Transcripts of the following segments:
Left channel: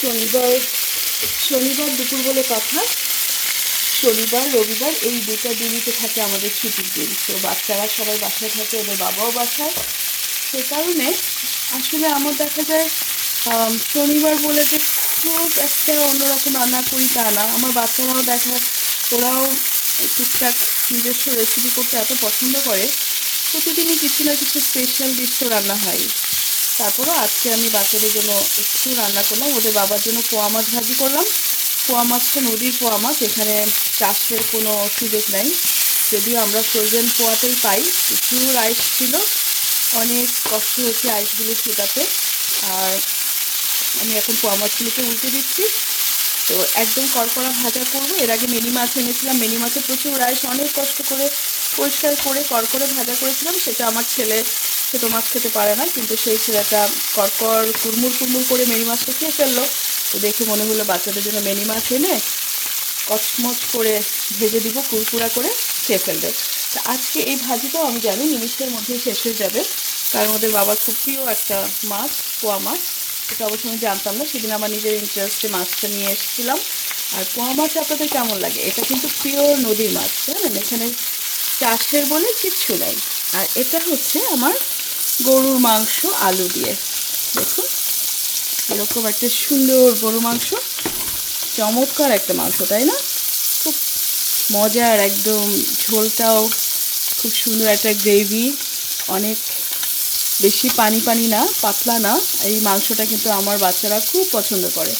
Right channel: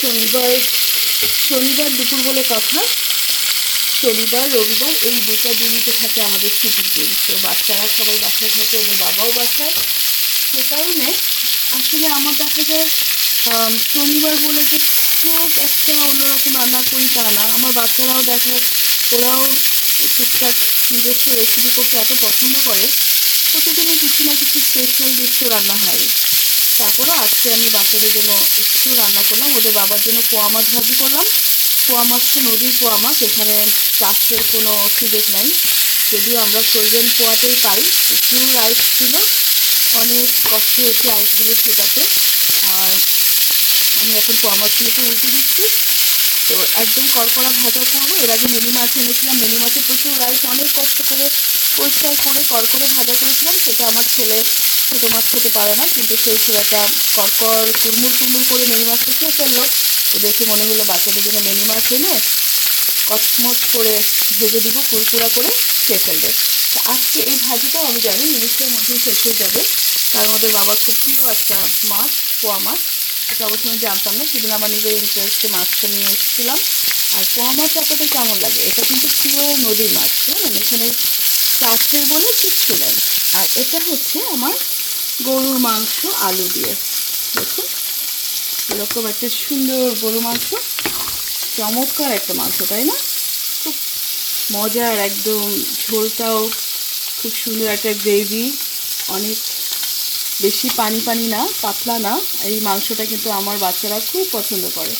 শনিবার শনিবার দুপুর বলে কথা। শনিবার রবিবার এই দুটো দিনই তো থাকে আমাদের ছুটির দিন। তো বাচ্চারা সবাই বাসায় থাকে, ওদের বাবাও বাসায়। সে কারণে আসলে আমার দেখা যায় শনিবার বলে যে খুব একটা অন্যরকম রান্না করি তা না। আমার বাচ্চারাও ওরাও টুকটাক নিজস্ব রেসিপি করতে এত পছন্দ করে, প্রতিদিনই কিছু না কিছু স্পেশাল ডিশ তো রান্না হয়। তারপরে আজকে আমি বাচ্চাদের জন্য একটু রান্না করলাম, ওদের বাবার জন্য পোয়া মাছ ভাজি করলাম। পোয়া মাছ তো নদীর পোয়া মাছ, এখানে চাষের কোনো সুযোগ নাই, যদিও আমরা ফ্রোজেন পোয়াটাই পাই। প্রচুর আইস ছিল, অনেক কষ্ট হয়েছে আইসগুলো শেকাতে। আর আমি এখন পোয়া মাছগুলোকে উল্টে দিচ্ছি। তো একদম কড়কড়া ভাজা করবো। এর আগে মিনি মাছ এনেছিলাম, মিনি মাছে প্রচুর রাইস অনেক কষ্ট করে পরিষ্কার করে কড়কড়ে ভাজা করেছিলাম। সেটা আমার ছেলে ছোটো মাছ খেতে পারে না, কিন্তু সেই ছেলেটা কড়কড় কুড়মুড় কুড়মুড় করে মিনি মাছটা খেয়ে ফেললো। তো দেখে মনে হলো বাচ্চাদের জন্য মিনি মাছ এনে কচমচ করে ভেজে দিব, কুড়কুড়া করে খেয়ে ফেলবে। তো আজকে এই ভাজিটাও আমি জানি নিমিষের মধ্যেই শেষ হয়ে যাবে। তার মধ্যে বাবার খুব প্রিয় একটা মাছ, পোয়া মাছ। এটা অবশ্য আমি জানতাম না, সেদিন আমার নিজের ইন্টারেস্টে মাছটা নিয়ে এসেছিলাম। আর পোয়া মাছ আপনাদের কেমন লাগে? এটা কিন্তু পিওর নদীর মাছ, জানেন, এখানে চাষের বলে কিচ্ছু নেই। আর এটা হচ্ছে আমার গরুর মাংস আলু দিয়ে। দেখুন এরকম একটা সুন্দর গরু মাংস, চমৎকার একটা মাংস, তাই না? খুব মজার একদম, ঝোলটাও খুব সুন্দর একটা গ্রেভি, অনেক বেশি পানি পানি না, পাতলা না। এই মাংসটা কিন্তু আমার বাচ্চারা খুব পছন্দ করে।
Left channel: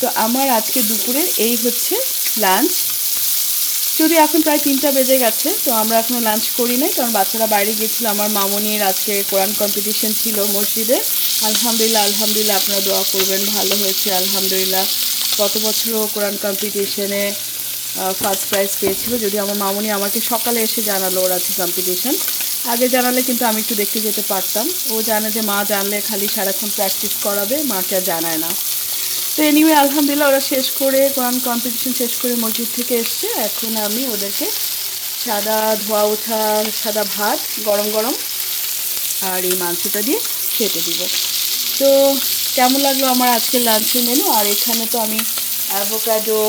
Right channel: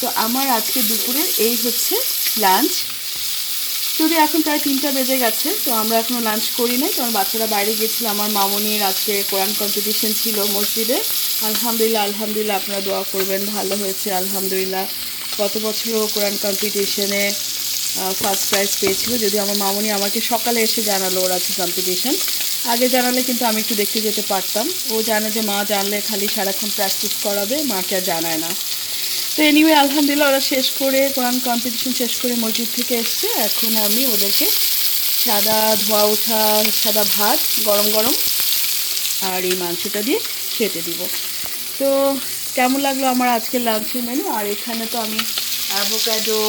তো আমার আজকে দুপুরে এই হচ্ছে লাঞ্চ। যদি এখন প্রায় 3টা বেজে গেছে, তো আমরা এখনও লাঞ্চ করি নাই, কারণ বাচ্চারা বাইরে গিয়েছিল। আমার মামনির আজকে কোরআন কম্পিটিশন ছিল মসজিদে। আলহামদুলিল্লাহ আলহামদুলিল্লাহ, আপনারা দোয়া করবেন, ভালো হয়েছে আলহামদুলিল্লাহ। গত বছরও কোরআন কম্পিটিশনে ফার্স্ট প্রাইজ পেয়েছিল, যদি আমার মামনি আমাকে সকালে এসে জানালো ওর আছে কম্পিটিশন। আগে জানালে কিন্তু আমি একটু দেখতে যেতে পারতাম। ও জানে যে মা জানলে খালি সারাক্ষণ প্র্যাকটিস করাবে, মাকে আর জানায় না। তো এনিওয়ে আলহামদুলিল্লাহ ওরা শেষ করে, কোরআন কম্পিটিশন শেষ করে মসজিদ থেকে এসছে। এখন আমি ওদেরকে সাদা ধোয়া ওঠা সাদা ভাত গরম গরম আর এই মাংসটা দিয়ে খেতে দিব। তো কেমন লাগলো আমার আজকের লাঞ্চের মেনু? আর এখানে তো আমি অ্যাভোকাডো,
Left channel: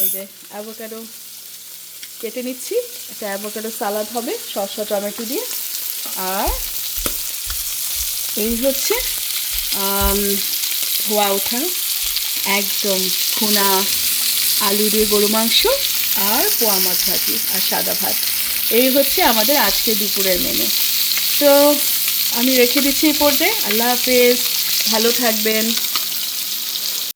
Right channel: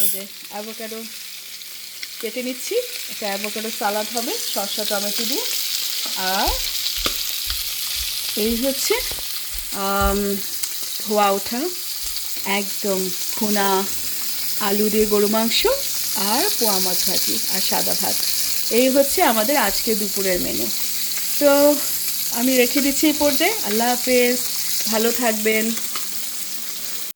এই যে অ্যাভোকাডো কেটে নিচ্ছি। একটা অ্যাভোকাডো সালাদ হবে শসা টমেটো দিয়ে। আর এই হচ্ছে ধোয়া ওঠা একদম ভুনা আলু দিয়ে গরু মাংস আর পোয়া মাছ ভাজি আর সাদা ভাত। এই হচ্ছে আমাদের আজকে দুপুরের মেনু। তো আমি রেখে দিচ্ছি এই পর্যায়ে। আল্লাহ হাফেজ, ভালো থাকবেন।